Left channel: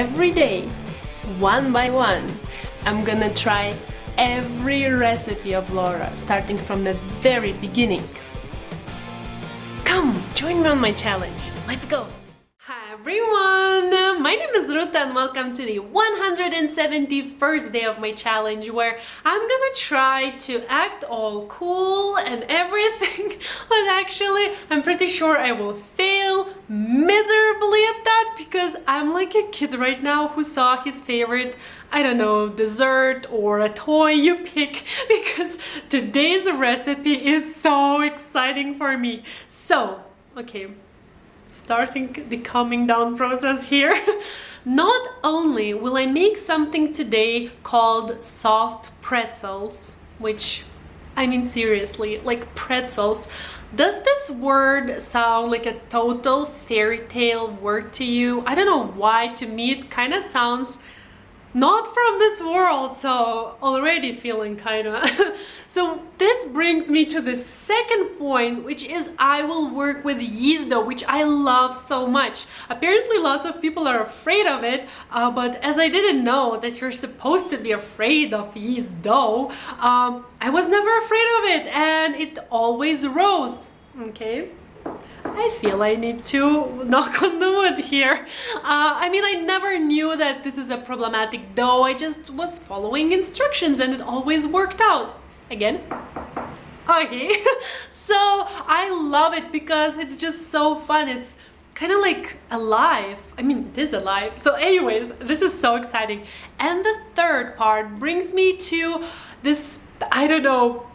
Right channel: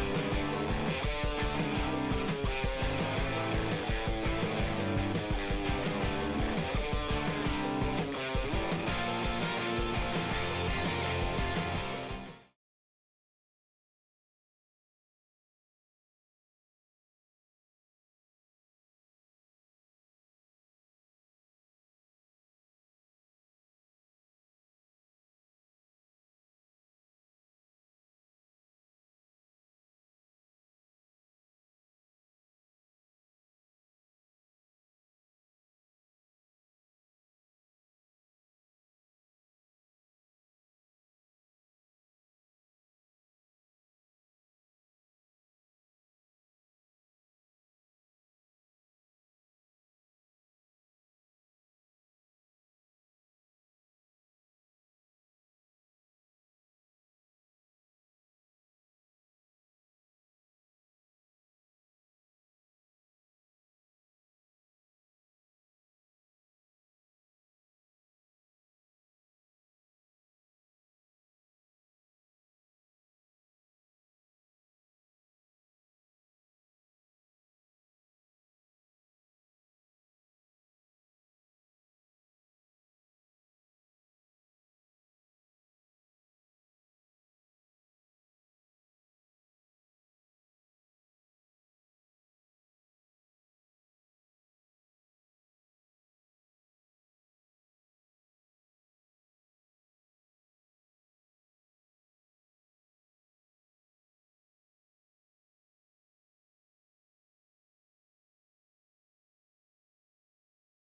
every day, one by one, I'm gonna try every recipe of Laura, starting from the very beginning. Come, join me on my challenge. Let's go! Hi everyone! My name is Ruta and welcome to the 171st day of my challenge, where I'm gonna try to act all cool and everything, but actually I'm pretty sure I will fail miserably at that because I'm like a kid right now who saw his favorite, I don't know, dessert or a toy, you pick, because today's recipe is so exciting for me. So, okay, starting the calming down process here. Not only will I make something today called soft pretzels, which, I mean seriously, like pretzels. Does this word sound like a total fairy tale word to you? I don't know why, to me it kind of sounds not from this world, so already feeling kind of. So this brings me to the second point, which is I will work with yeast dough, which I love so much. Apparently lots of people are afraid of it, but as I didn't know that you're supposed to be afraid of yeast dough, I was never afraid of it and it always rose. Okay. I feel I need to knock on the wood here. I mean, I never knew that this is a problematic dough. I just was following instructions and it always worked out. Again. Okay. So I love it because it's just so fun. It's kind of like alive. I mean, it is alive. So anyways, this is so exciting. And the third part brings me to this, I don't know,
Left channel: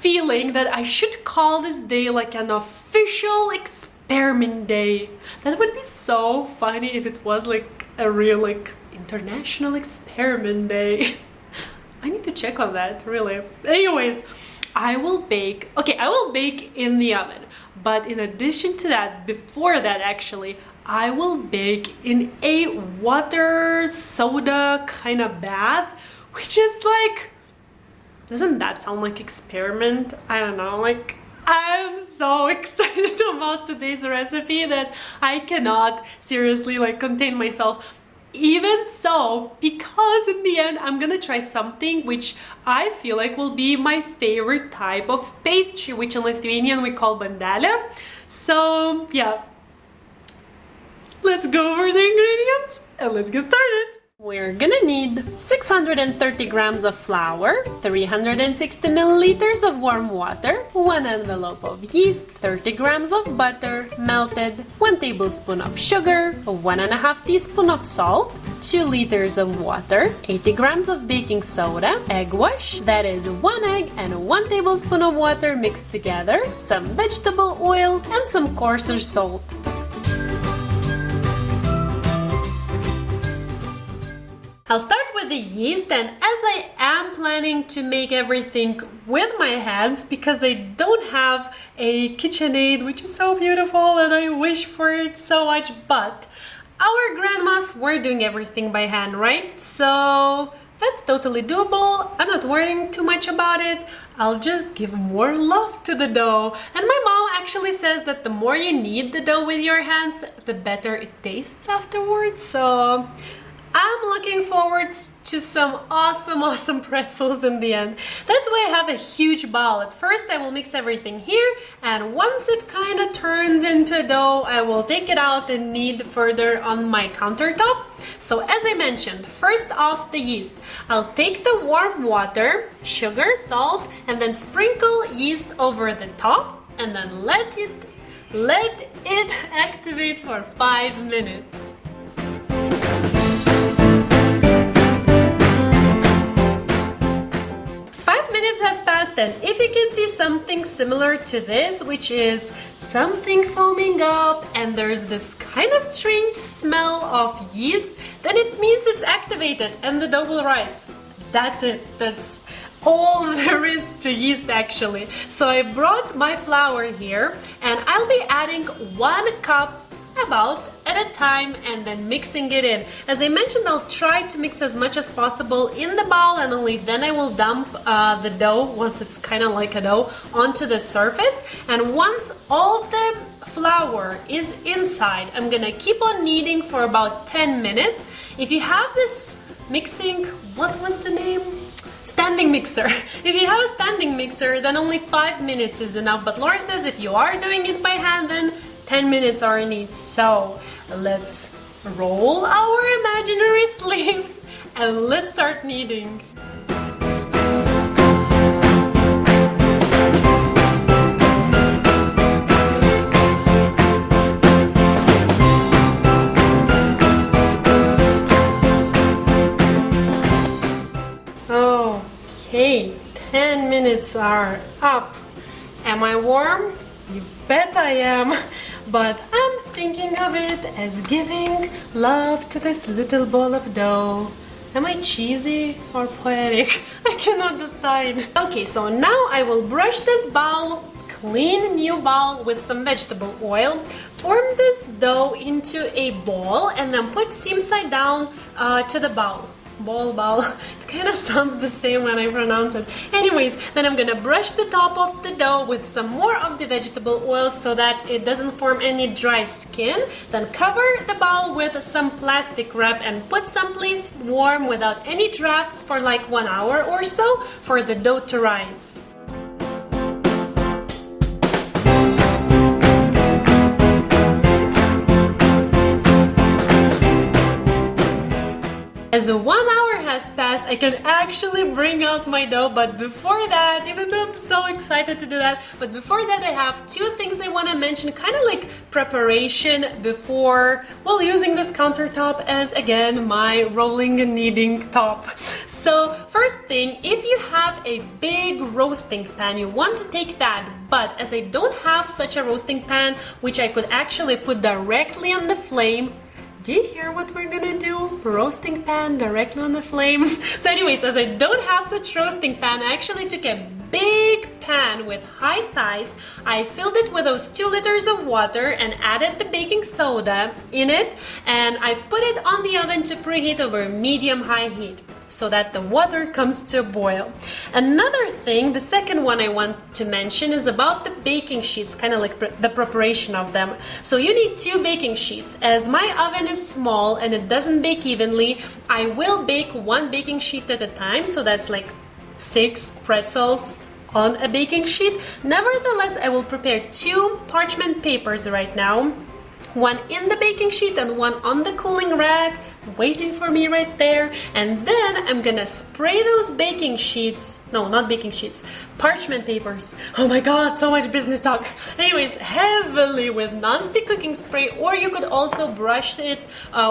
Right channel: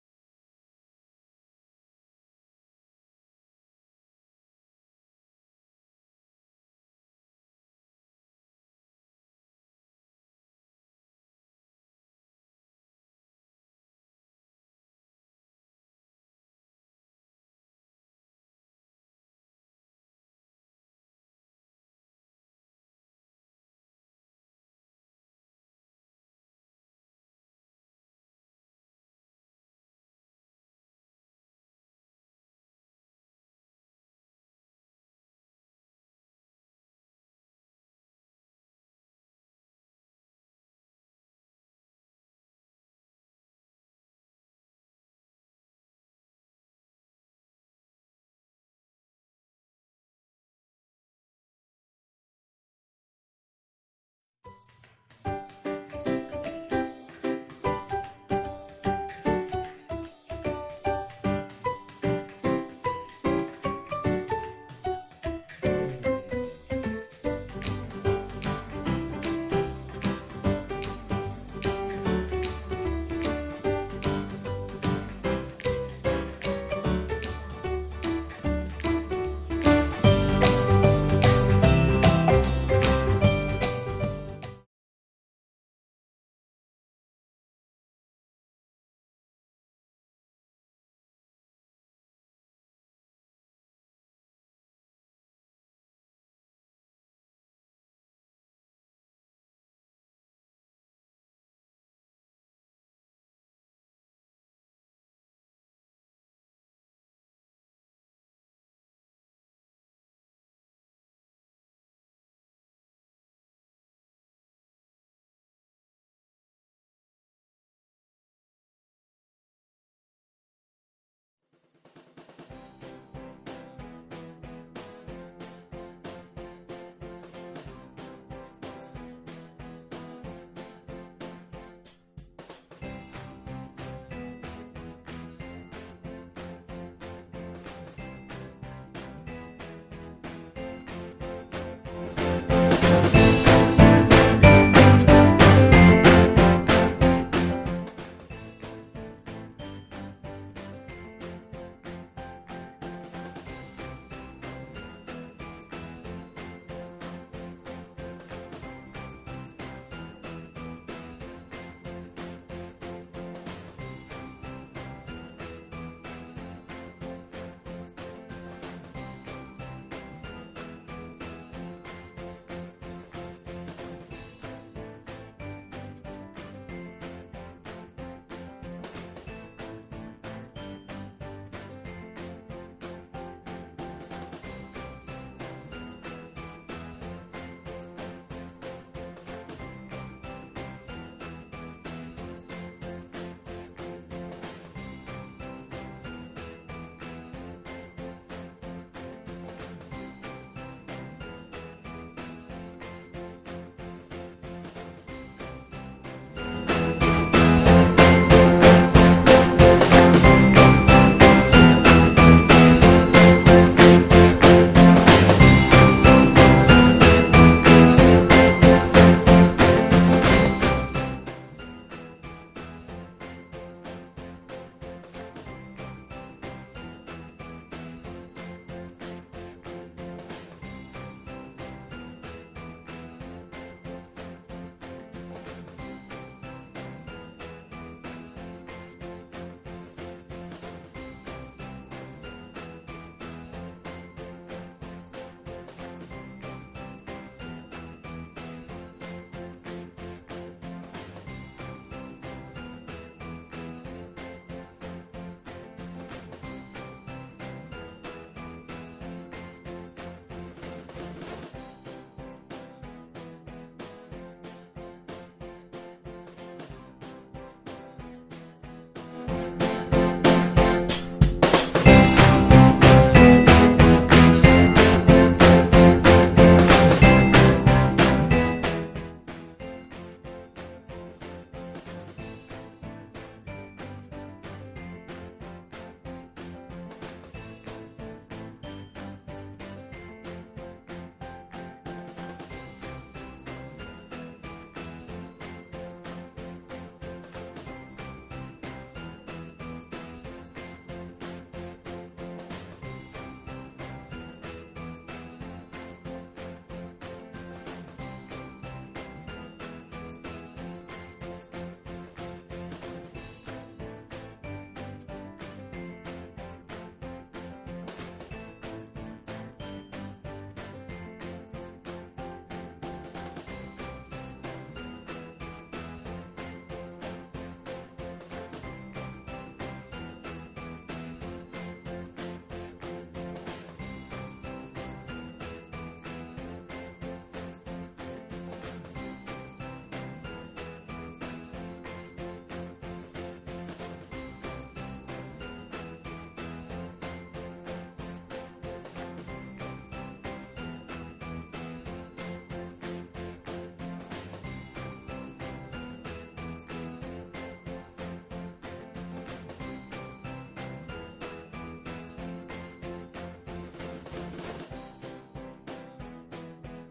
feeling that I should call this day like an official experiment day. That would be so funny if it was like a real like international experiment day. I need to check on that, really. Anyways, I will bake in the oven, but in addition to that, before that actually, I will bake in a water soda kind of bath, which is like, doesn't that sound like experiment? I don't know, like I'm so excited about today's recipe that I cannot seriously like contain myself. Even so, because in the end I'm gonna try something which I feel like will be my favorite type of pastry, which in Lithuanian we call bandele. So yeah, let's go over the ingredients and let's get started. We're gonna need 630 grams of flour, 360 milliliters of warm water, 1 envelope of yeast, 30 grams of butter, melted, 1 tablespoon of sugar, 1.5 teaspoon of salt, 2 liters of water, 80 grams of baking soda, egg wash, that is 1 egg and 1 tablespoon of water mixed together, some vegetable oil, and some coarser salt. I'll start with the yeast, and as I am planning to make everything with my hands because I don't have a KitchenAid, which is so beautiful and I wish for it so much, but our grandmas were doing everything by hand, right? So that's totally doable. I'm not worrying too much about it. I'll just give more love to the dough. And my mom actually says that the more you knead the dough with your hands, the better it tastes afterwards. So I'm looking forward to some awesome pretzels in the end. That's why I have a huge bowl. At first I will mix everything here, and once it kind of turns into dough, I will take it out and knead further on my countertop. So as I mentioned, first off the yeast. I'll take the warm water, sugar, salt, and then sprinkle yeast over the top, and then let it activate for 5 minutes. Have passed, and if you can see something similar to this, which is something foaming up and there's this kind of strange smell of yeast, then it means it's activated and the dough will rise. That's it. That's all there is to yeast actually. So I brought my flour here and I'll be adding 1 cup, about at a time and then mixing it in. As I mentioned, I'll try to mix as much as possible in the bowl, and only then I will dump the dough, once it's kind of like a dough, onto the surface. And once all the flour is inside, I'm gonna keep on kneading for about 10 minutes. If you have this mixing, what was the name? Standing mixer. If you have a standing mixer, then only 5 minutes is enough. But Laura says if you are doing it by hand, then 10 minutes are needed. So let's roll our imaginary sleeves and let's start kneading. Okay, 10 minutes are up. Am I warm? You bet I am. But I'm thinking of it as giving love to this little ball of dough. Am I cheesy or poetic? I cannot decide. Okay, so now I will brush this bowl, clean new bowl with some vegetable oil, form this dough into a ball, and then put seam side down to the bowl. Ball. It kind of sounds the same when I pronounce it. Anyways, then I'm gonna brush the top of the dough with some more of the vegetable oil so that it doesn't form any dry skin. Then cover the bowl with some plastic wrap and put someplace warm without any drafts for like 1 hour or so for the dough to rise. As 1 hour has passed, I can actually bring out my dough, but before that, even though I'm so excited to do that, but before that I have two things I want to mention, kind of like preparation before, well, using this countertop as, again, my rolling and kneading top. So first thing, if you have a big roasting pan, you want to take that, but as I don't have such a roasting pan, which I could actually put directly on the flame. Do you hear what we're gonna do? Roasting pan directly on the flame. So anyways, as I don't have such roasting pan, I actually took a big pan with high sides. I filled it with those 2 liters of water and added the baking soda in it, and I've put it on the oven to preheat over medium-high heat so that the water comes to a boil. Another thing, the second one I want to mention, is about the baking sheets, kind of like the preparation of them. So you need 2 baking sheets. As my oven is small and it doesn't bake evenly, I will bake 1 baking sheet at a time, so that's like 6 pretzels on a baking sheet. Nevertheless, I will prepare 2 parchment papers right now. 1 in the baking sheet and 1 on the cooling rack, waiting for me right there. And then I'm gonna spray those baking sheets, no, not baking sheets, parchment papers. Oh my god, so much business talk. Anyways, heavily with non-stick cooking spray, or you could also brush it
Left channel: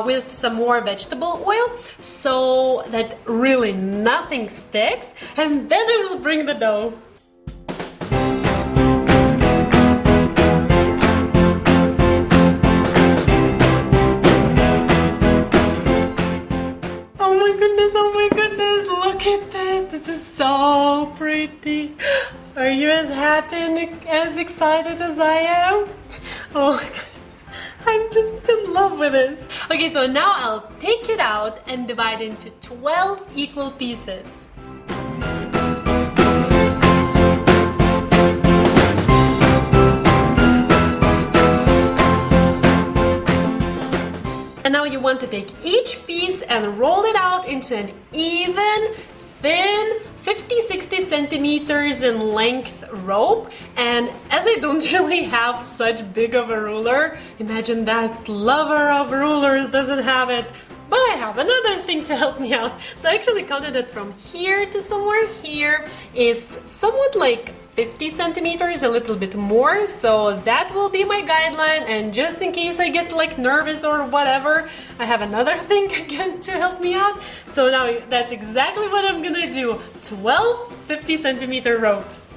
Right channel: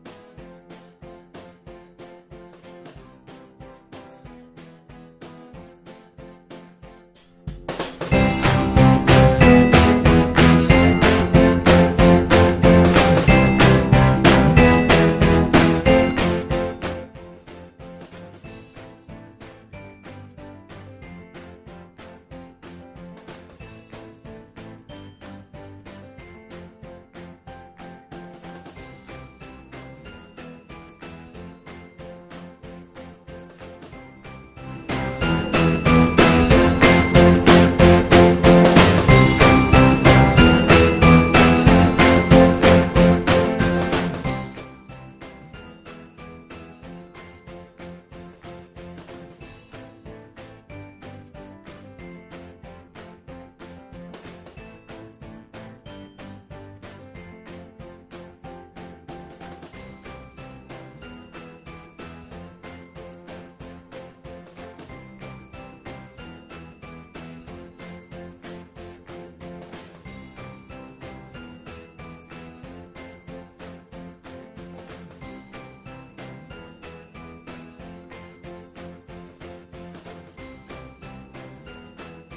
with some more vegetable oil so that really nothing sticks. And then I will bring the dough. Oh my goodness, look at this. This is so pretty. Are you as happy and as excited as I am? Oh my god. I'm just in love with this. Okay, so now I'll take it out and divide into 12 equal pieces. And now you want to take each piece and roll it out into an even, thin, 50-60 centimeters in length rope. And as I don't really have such big of a ruler, imagine that lover of rulers doesn't have it, but I have another thing to help me out. So I actually counted it from here to somewhere here is somewhat like 50 centimeters, a little bit more, so that will be my guideline. And just in case I get like nervous or whatever, I have another thing again to help me out. So now that's exactly what I'm gonna do. 12 50-centimeter ropes.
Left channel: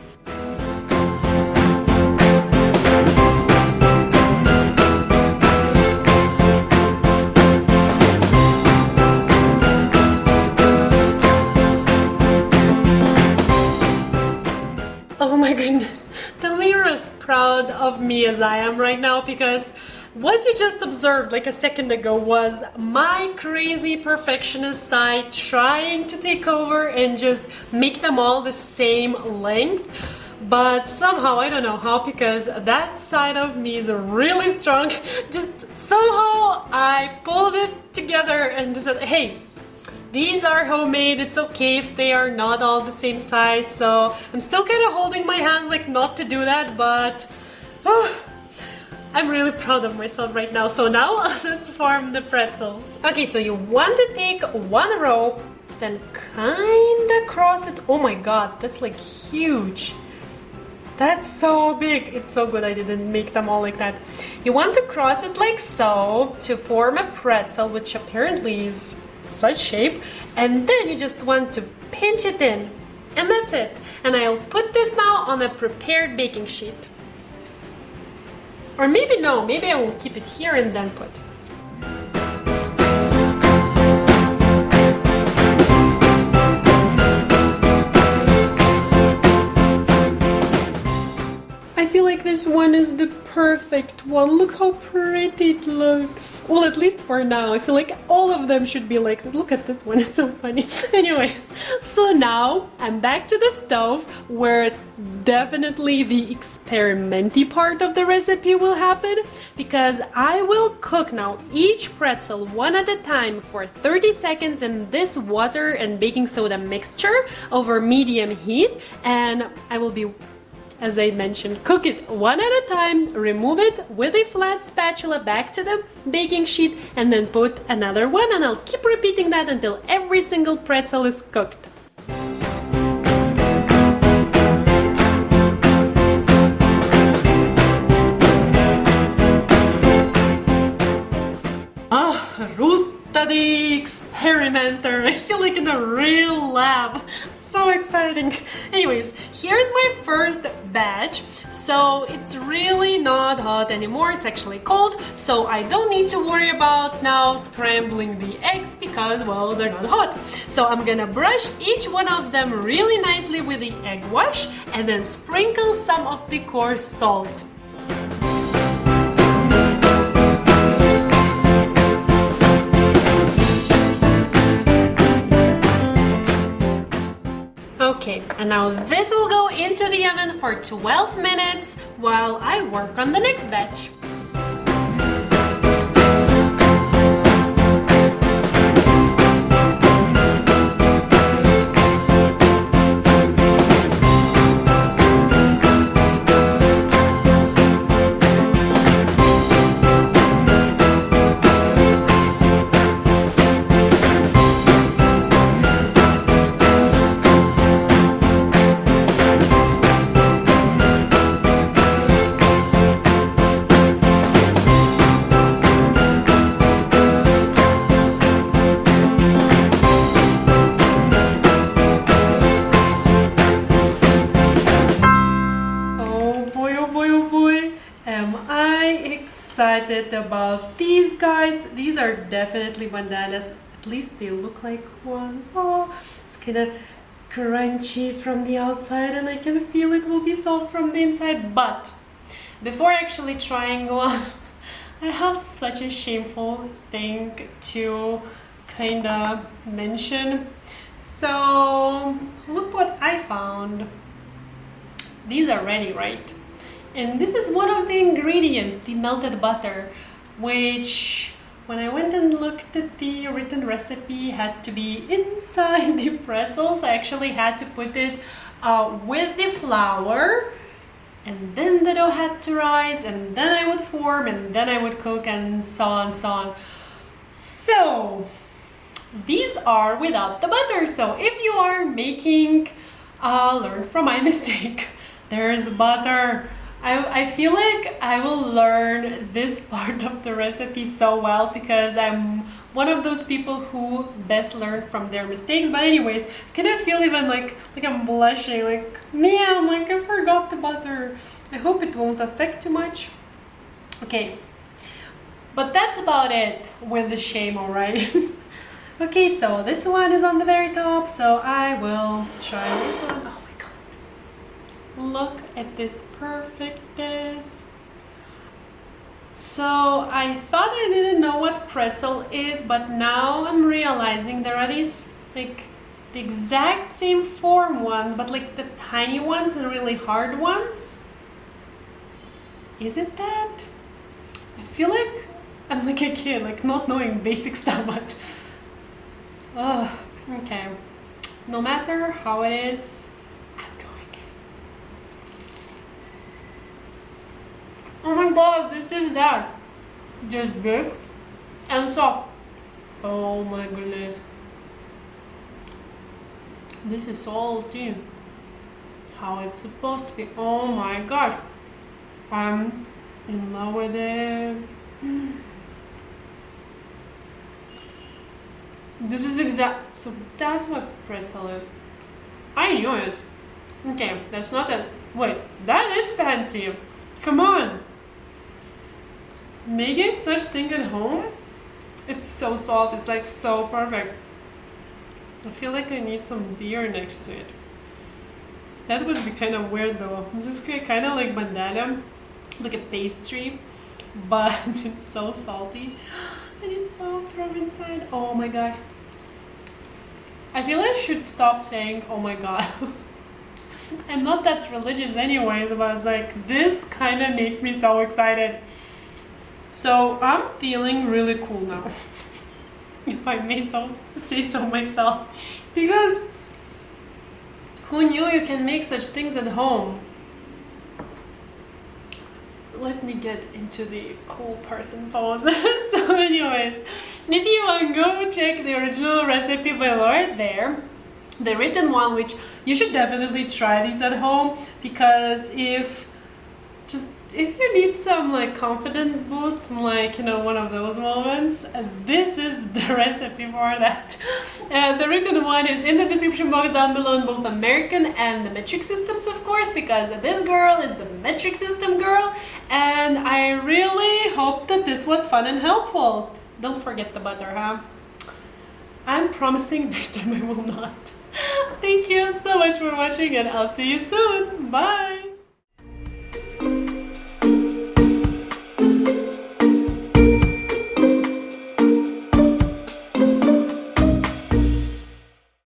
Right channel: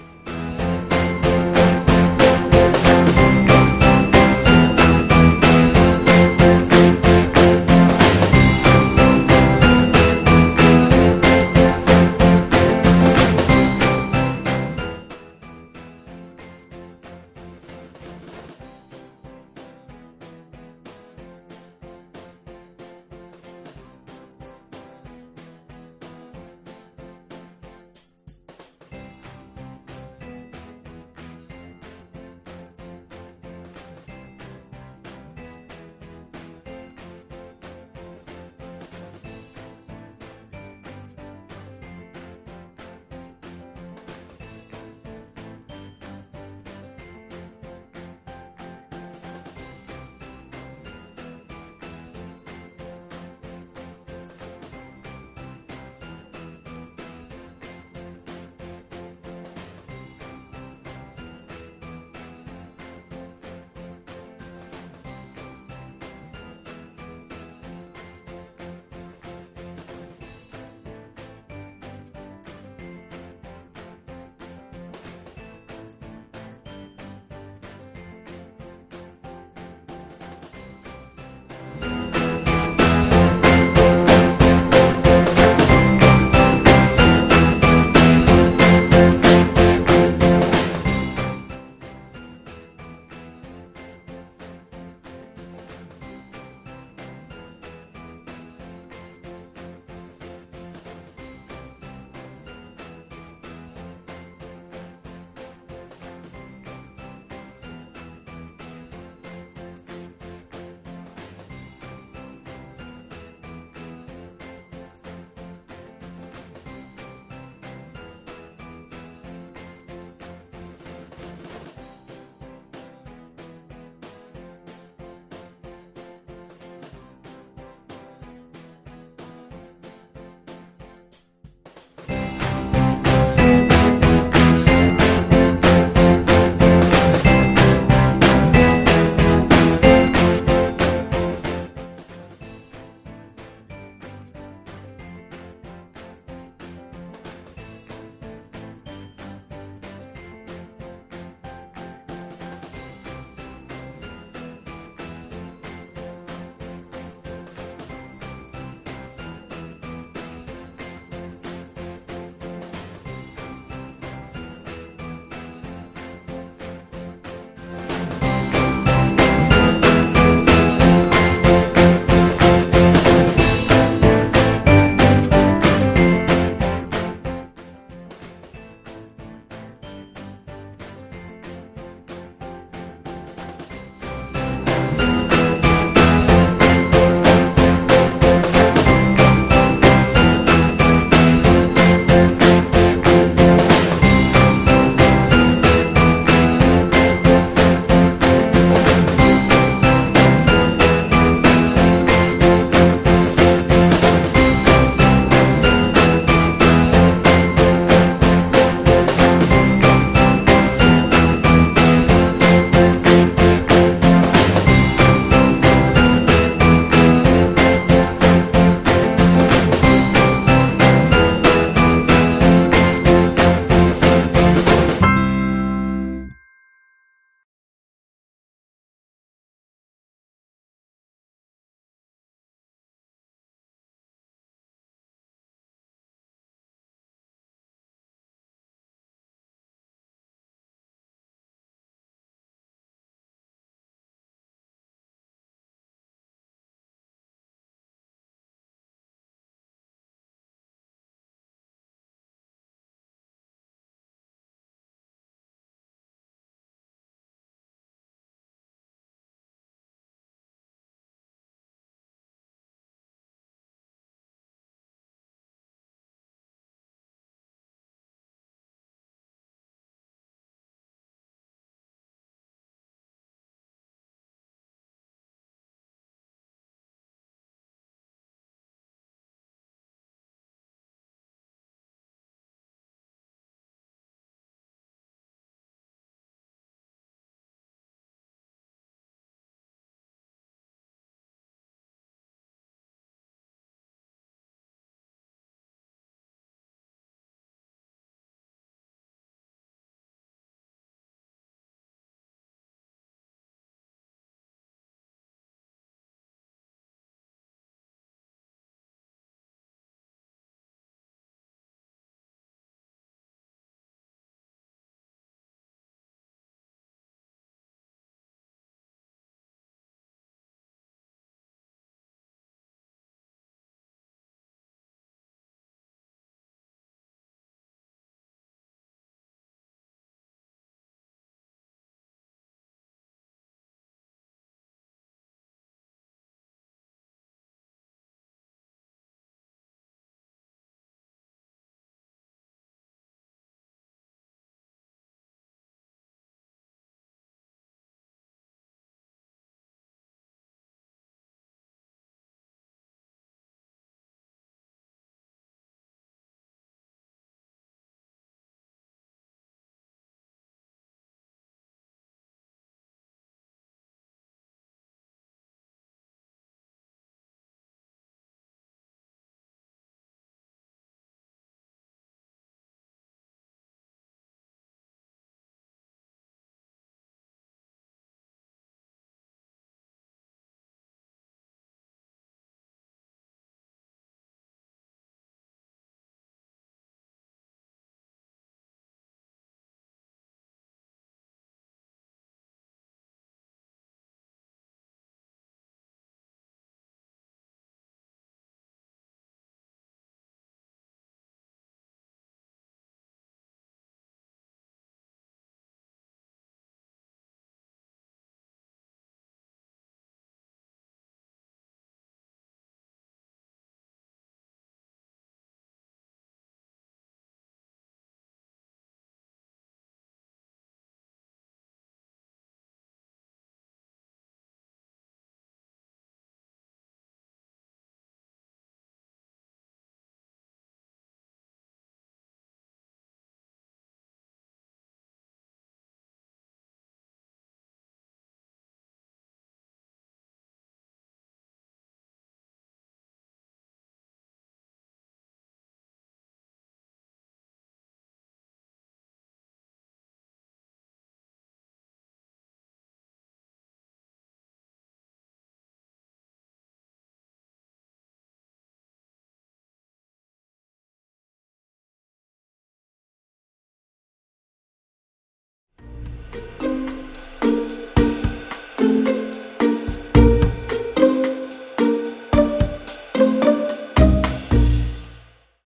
Oh my goodness, tell me you're as proud of me as I am right now, because what you just observed like a second ago was my crazy perfectionist side trying to take over and just make them all the same length. But somehow, I don't know how, because that side of me is really strong, just somehow I pulled it together and just said, hey, these are homemade, it's okay if they are not all the same size. So I'm still kind of holding my hands like not to do that, but I'm really proud of myself right now. So now let's form the pretzels. Okay, so you want to take one rope, then kinda cross it. Oh my god, that's like huge. That's so big. It's so good I didn't make them all like that. You want to cross it like so to form a pretzel, which apparently is such shape, and then you just want to pinch it in, and that's it. And I'll put this now on a prepared baking sheet. Or maybe no, maybe I will keep it here and then put. This one is the perfect one. Look how pretty it looks. Well, at least for now. I feel like all of them should be like, look at this one, it's so funny. Anyways, so now I'm back to the stove where definitely the experimenty part of the recipe will happen, because I will cook now each pretzel one at a time for 30 seconds in this water and baking soda mixture over medium heat, and I will be, as I mentioned, cook it one at a time, remove it with a flat spatula back to the baking sheet, and then put another one, and I'll keep repeating that until every single pretzel is cooked. Ruta the experimenter. I feel like in a real lab. So exciting. Anyways, here's my first batch. So it's really not hot anymore, it's actually cold, so I don't need to worry about now scrambling the eggs because, well, they're not hot. So I'm gonna brush each one of them really nicely with the egg wash and then sprinkle some of the coarse salt. Okay, and now this will go into the oven for 12 minutes while I work on the next batch. Excited about these guys. These are definitely bananas. At least they look like ones. Oh, it's kind of crunchy from the outside and I can feel it will be soft from the inside. But before actually trying one, I have such a shameful thing to kind of mention. So look what I found. These are ready, right? And this is one of the ingredients, the melted butter, which when I went and looked at the written recipe had to be inside the pretzels. I actually had to put it with the flour, and then the dough had to rise, and then I would form, and then I would cook, and so on, so on. So these are without the butter. So if you are making, learn from my mistake. There's butter. I feel like I will learn this part of the recipe so well because I'm one of those people who best learn from their mistakes. But anyways, I kind of feel even like I'm blushing, like, man, like I forgot the butter. I hope it won't affect too much. Okay, but that's about it with the shame, alright? Okay, so this one is on the very top, so I will try this one. Look at this perfectness. It's So I thought I didn't know what pretzel is, but now I'm realizing there are these like the exact same form ones, but like the tiny ones and really hard ones. Is it that? I feel like I'm like a kid, like not knowing basic stuff, but okay. No matter how it is, I'm going. Oh my god, this is that. Just big and soft. Oh my goodness. This is salty. How it's supposed to be. Oh my gosh. I'm in love with it. This is exact. So that's what pretzel is. I knew it. Okay, that's not a. Wait, that is fancy. Come on. Making such thing at home, it's so salty. It's like so perfect. I feel like I need some beer next to it. That would be kind of weird though. This is kind of like banana, like a pastry, but it's so salty. And it's soft from inside. Oh my god. I feel I should stop saying oh my god. I'm not that religious anyways, but like this kind of makes me so excited. So I'm feeling really cool now. If I may say so myself. Because who knew you can make such things at home? Let me get into the cool person pose. So anyways, if you want to go check the original recipe below there, the written one, which you should definitely try these at home, because if you need some like confidence boost and like, you know, one of those moments, this is the recipe for that. The written one is in the description box down below in both American and the metric systems, of course, because this girl is the metric system girl, and I really hope that this was fun and helpful. Don't forget the butter, huh? I'm promising next time I will not. Thank you so much for watching, and I'll see you soon. Bye!